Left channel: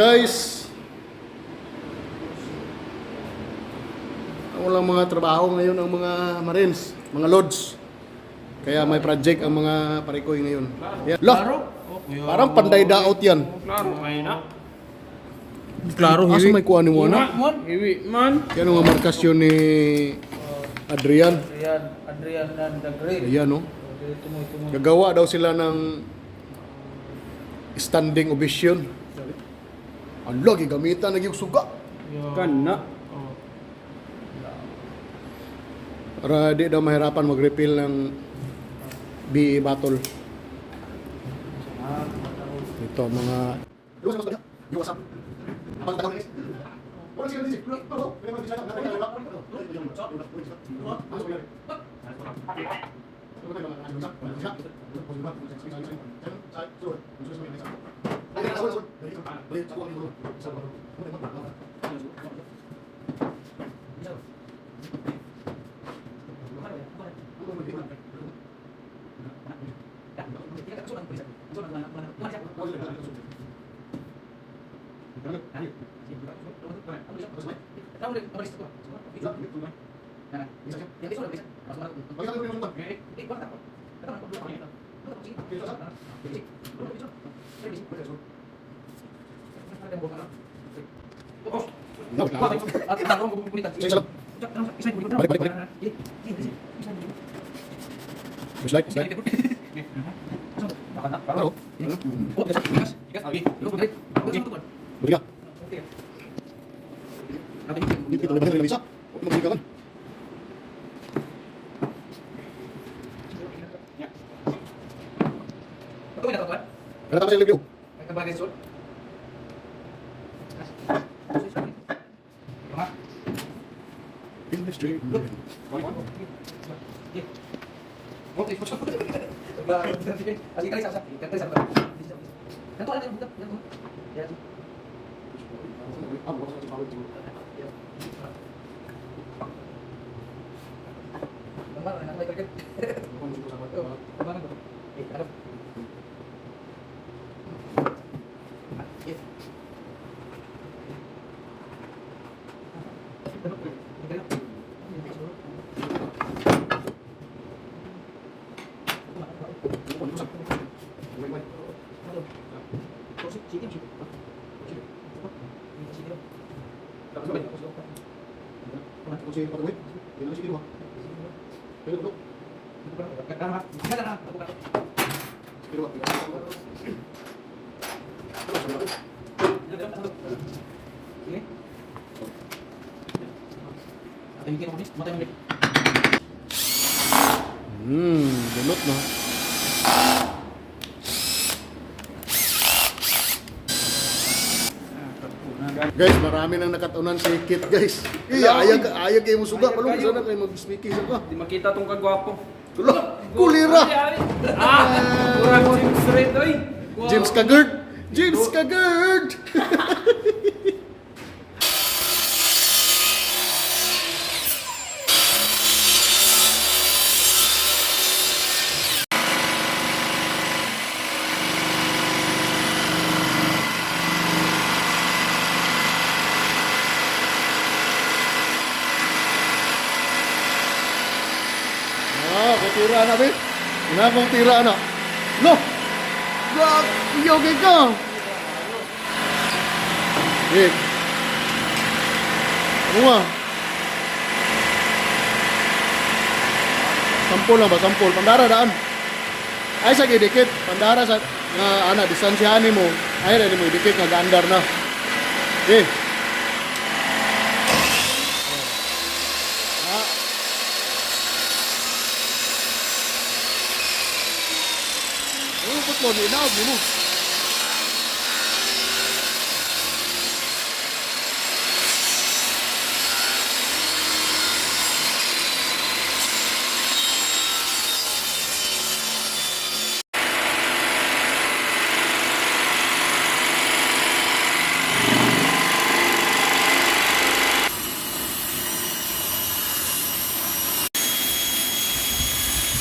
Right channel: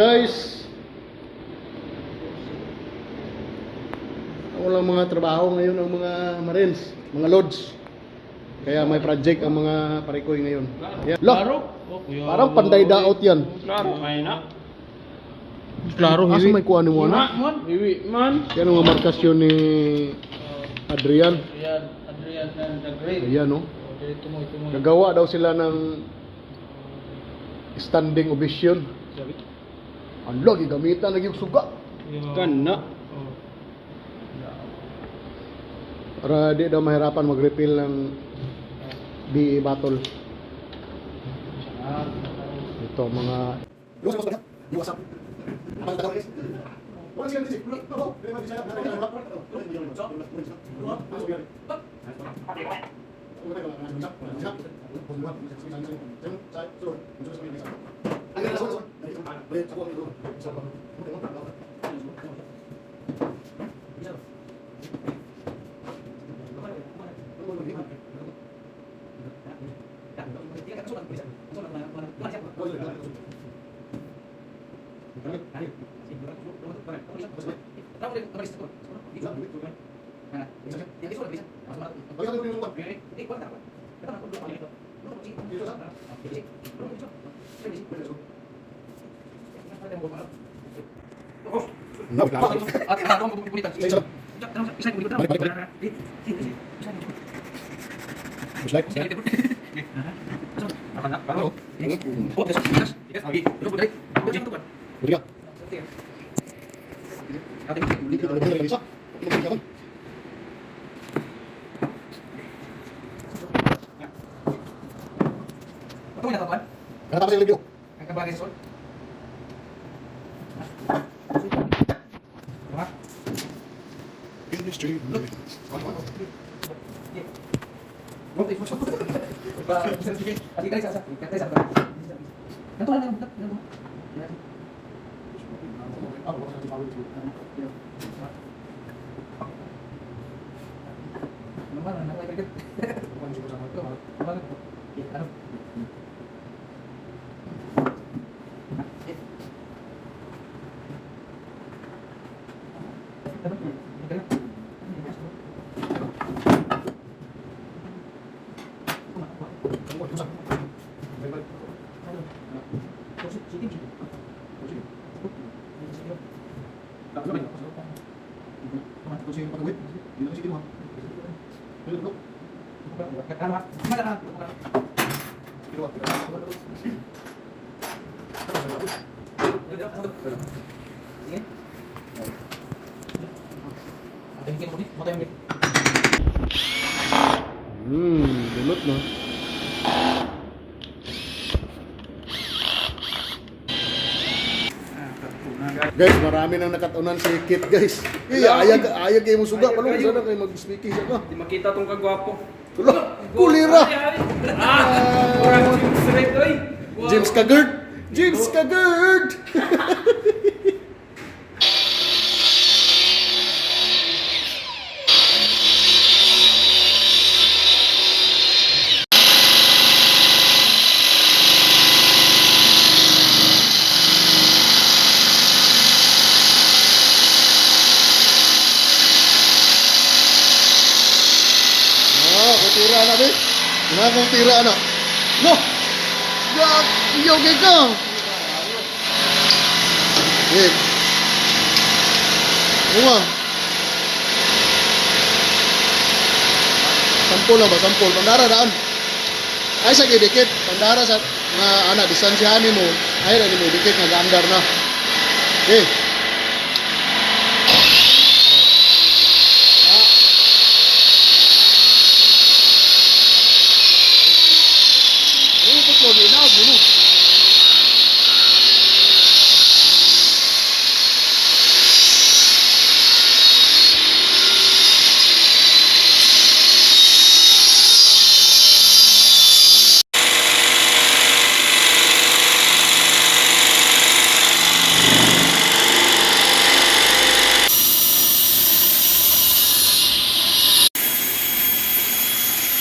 guys. Walang mga trabaho ngayon ang mga Marines, mga Lods. Kaya may project ang mga parikoy ngayon. Yan. Lah, parang panday daot yan. Klaro, Asa may kuha ni mo na? Hiwi man. Yan ang markasyon ni Adrian. Adrian dan Dagre. Ayan no. Tumoy. Gagawa daw sila ng standing ovation. Ang lagi gamitan naging suga. Kana. Para di daw mahirapan mag-refill ng BE bottle. Ito mga balik. Slide. Beri ka. Dito na lang isa. Mag-bigay ka. Berapa sih video? Industry. Bunot na. Guys, marami nang nakatunan si Kit, guys. Ayag kayo mo suga, palong sana kayo mag-speaking siya ka. Di makita tong kagwapo. Tulo, kulira. Kurang James Red oy. James Kagerd. James Kagerd. Tira na, be. Nagong tira na. No! Gag! Iyoge ka! Eh. Bunga. Sampul lang ba? Sampul. Pandara daan. Ay, sa gidikit. Pandara sa nga, distansyahan mo. Ay, rin mo idikit nga gaandar na. Eh. Lo now dulu.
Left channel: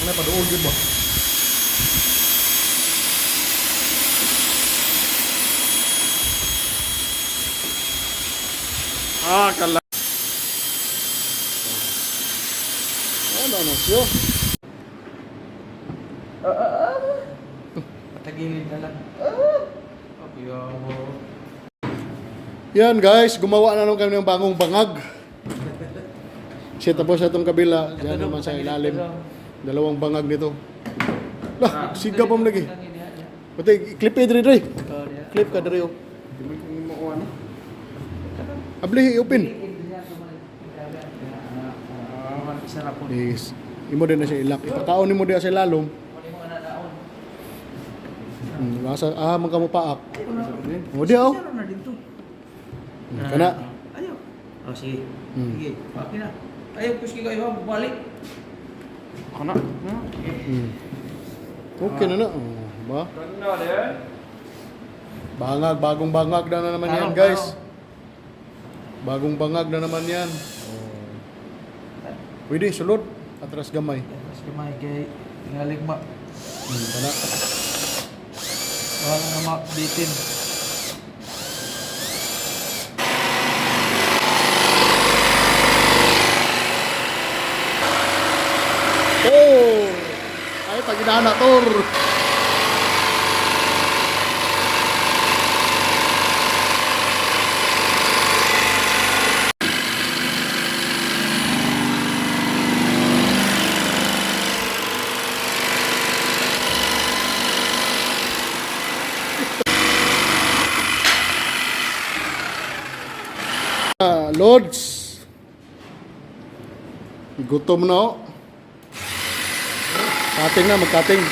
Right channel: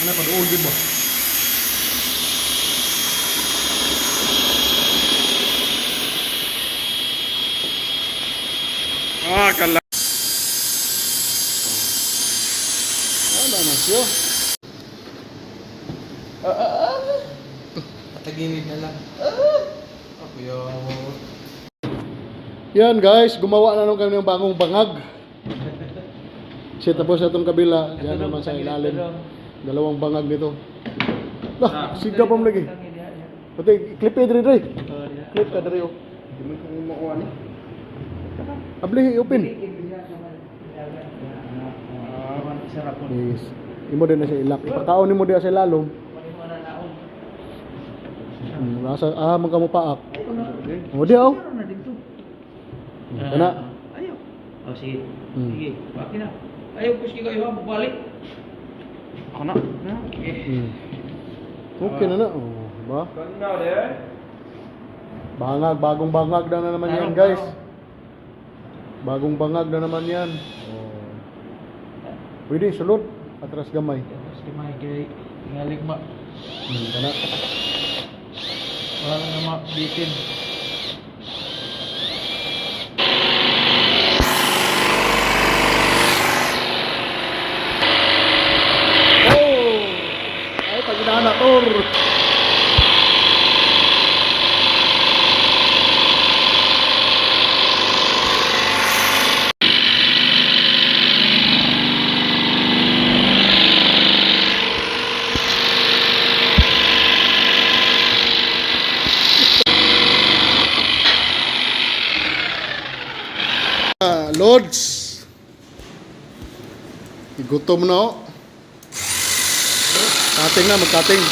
Ano pa doon din ba? Kala. Ano na siyo? Tagilid na lang. Yan guys, gumawa na naman kami ng bagong bangag. Siya tapos sa itong kabila, diyan naman sa ilalim. Dalawang bangag nito. Lah, siga pa mo lagi. Puti, clip diri diri. Clip ka diri. Hindi mo makuha ni. Abli, open. Sarap po. Yes. Imo din na siya ilak. Ipakaon nimo diha sa ilalom. Nasa man ka mo paak. Mo diha oh. Kana. Ayaw. Oh, sige. Hmm. Sige. Bakit na? Ayaw, puski kayo ha. Balik. Ako na. Okay na na. Oh, ba? Ganda din. Bangag, bagong bangag na naman yan, guys. Bagong bangag na naman yan. Oh. Pwede, sulod. Atras gamay. Tapos kamay kay naligma. Kana. Wala nga mabitin. Oh! Ay, paginahan na, Tor. Lods. Igutom na oh. Cutting na, mag-cutting.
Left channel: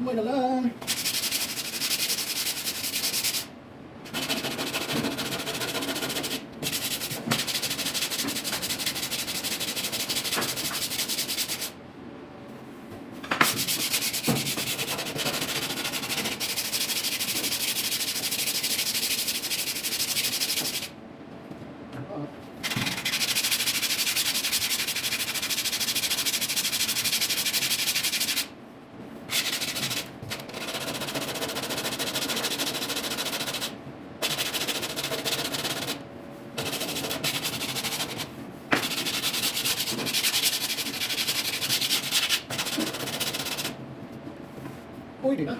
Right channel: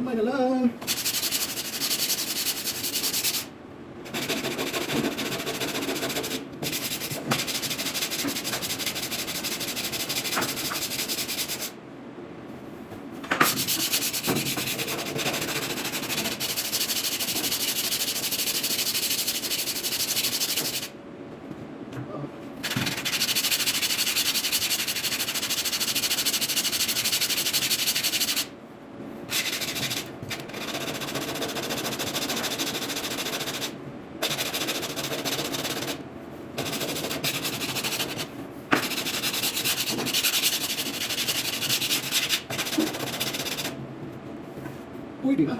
Gamay na lang. Pwede na.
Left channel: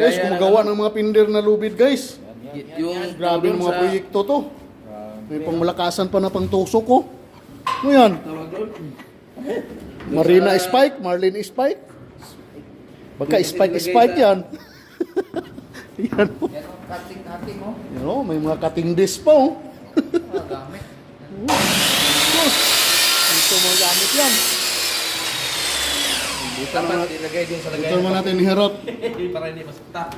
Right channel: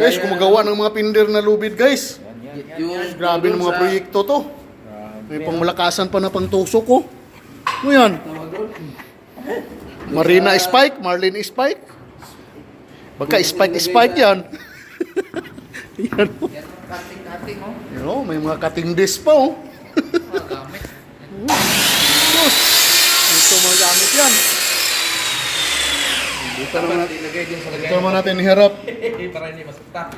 Guys, gumagawa ng mga pinder na lubid, guys. Grabe ng mga proyekto to. May pangmalakasan pa na pangtusok ko. Ano yan? Marina Spike, Marlin Spike. Baka Spike yan. Yan o. Yan o, may mga cutting disc pa o. Ito mga gamit yan. Dito naman natin iharap. Para hindi masukta.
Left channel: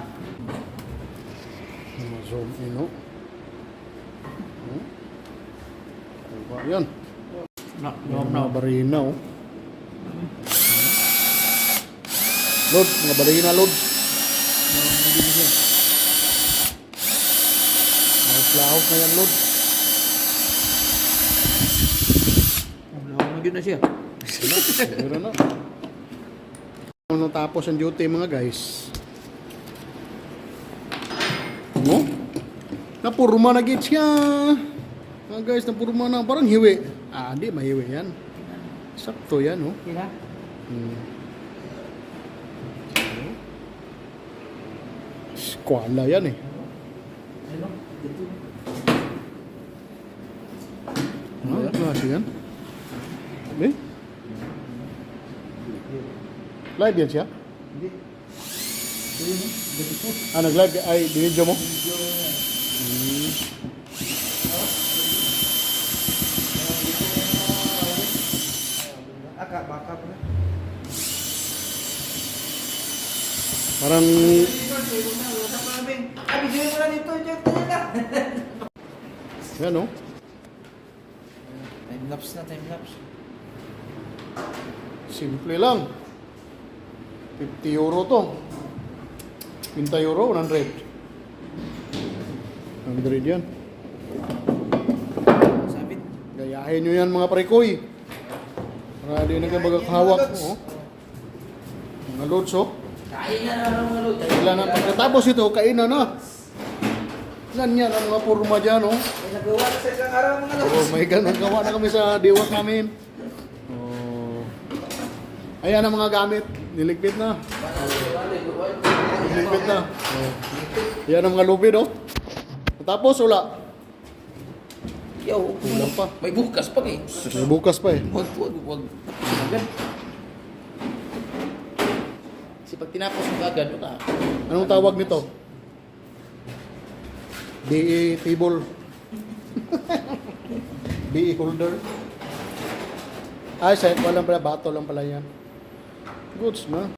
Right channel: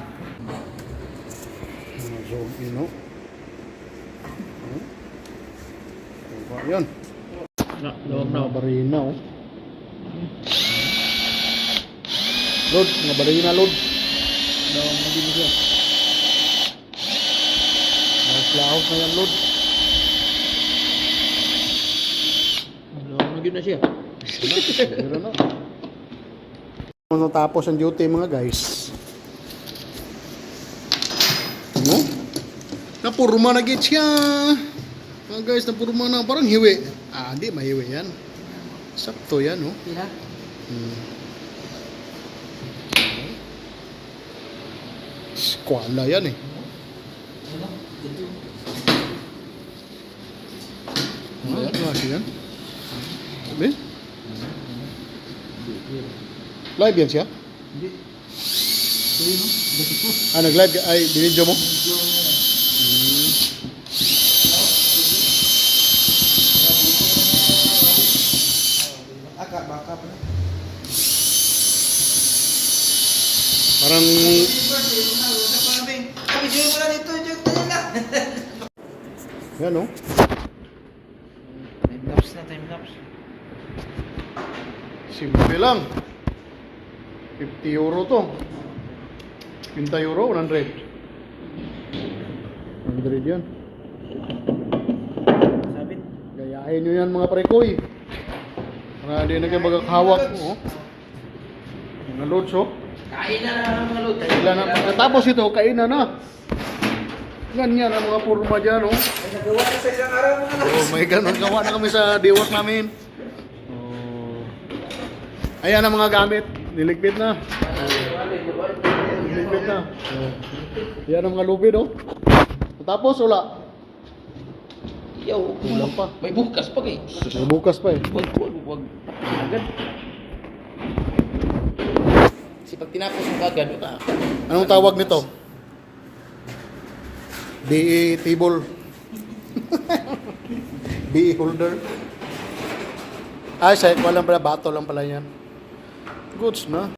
Zoom in o. Yan. Mga barina o. Load, mga barina load. Laos na yan load. Magiging na siya. Siguro na. Kung natapos ang duty mga guys. Ano? Napurma na git siya. Mga guys, napurma na. Parang hiwi. Ah, hindi mahiwi yan. Sakto yan, oh. Sila? Squala yan eh. Ano? Ito. Ano yan? Klase yan? Sabi? Live yan siya? Hindi. Sorry no? Ganito. Ah, nag-live? Ay, binidyo mo? Parang yan oh. Time lapse na, time lapse. Simple lang. 50 euro to. 50 euro, 100. 100 yan. Sabit. Gayahin nyo yan mga prekoy. Para di na kayo magkakahawak. Oh. Mga loads oh. Kain na mga lod. Kailan na. Pagkatapos ito, kainan na. Ganyan ang mga purma dyan oh. Ay, nagawa sa isang araw mga lod. Oh my God, nagawa na kami sa diwak namin. Oh. Ayan ang mga gamit. Niligpit na. Niligpit na. Oh. Yan ang mga lubid oh. Tapos wala. Yo, Kulang pa. may bukas pa eh. May bukas pa eh. Wag. Kasi pag tinapos mo agad, wala. Anong tawag nito? DE table. DE holder. Ay, walang pala. Bato lang pala yan. Goods na.